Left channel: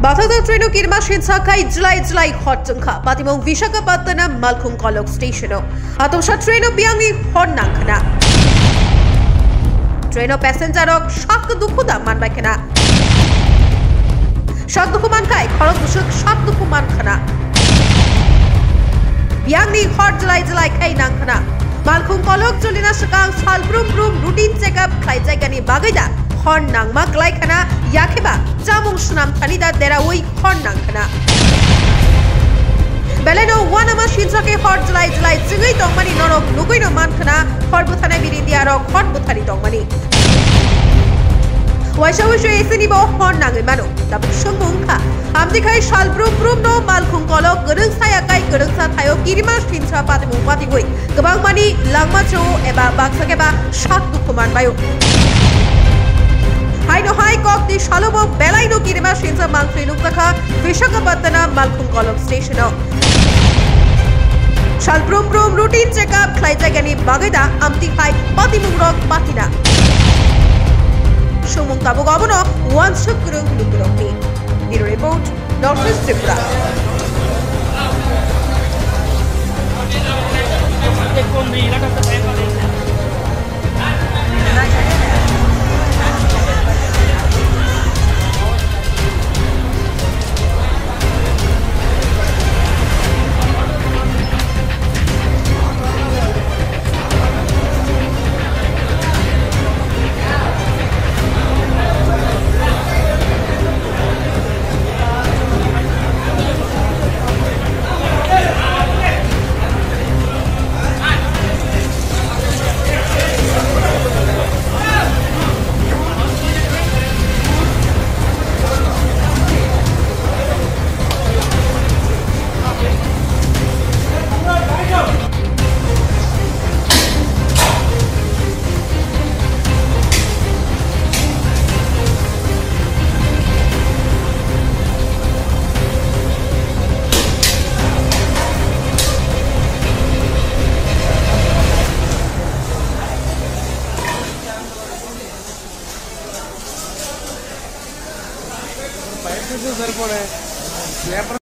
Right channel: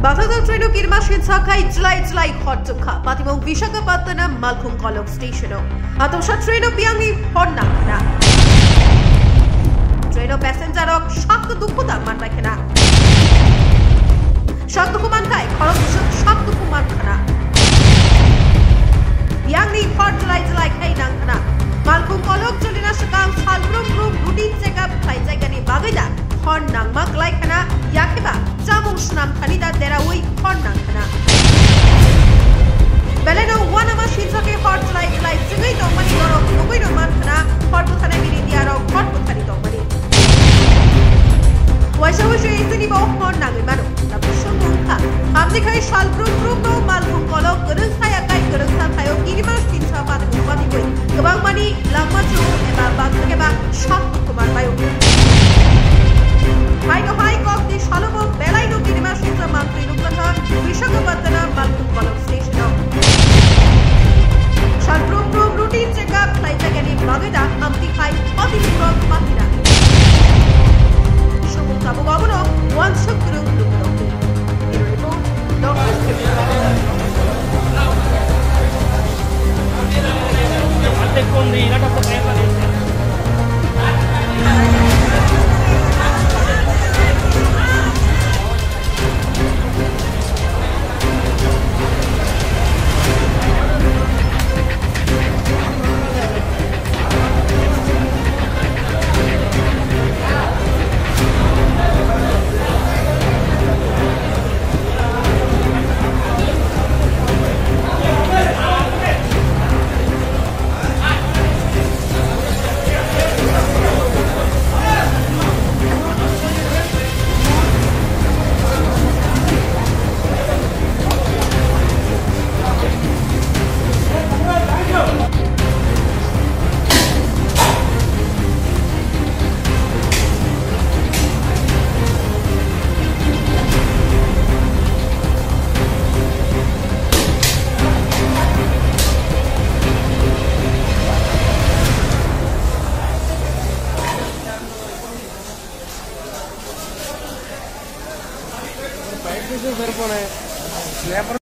Batadal train kirma shinsakai Julai hot jangka Patimong Visakhapatnam Malkhung Kolok station Atosha train biangi hornankana train passenger ok shak dukuda man bakena shak dukuman kai khorok busuk shak dukuman khana biangi hot Julai kai nankana Malkhung Kolok jolina sakang salbrum routine checkup kai jaigani bagaida hon nangma klai khana yakeba jamung snam thanida derawoi hon nangkhana beleno wanama shinsake hot Julai singai tongmani norok nukoino mankhana hot buthana birindia rok hot buthari tongmani waisawai esini bo hon nangai mano tapi songbongkha amdikai salbrum no Malkhung Kolok goreng saya kai goreng sa thayo kirima shinsa patmu patigoi gobang mani langma cho eba bakhageba shak dukuman bayo Hai kok di Shalobo Belaino Kirima Shinsa Mantri Nukaka Visakhapatnam Malkhung Kolok station Shalbrum routine checkup Klai Jagani Bagaida Amti Hai Patimurok Patina Shumung Tabu Gobono One Shukurung Lukuroki In report Dr. Tripura sir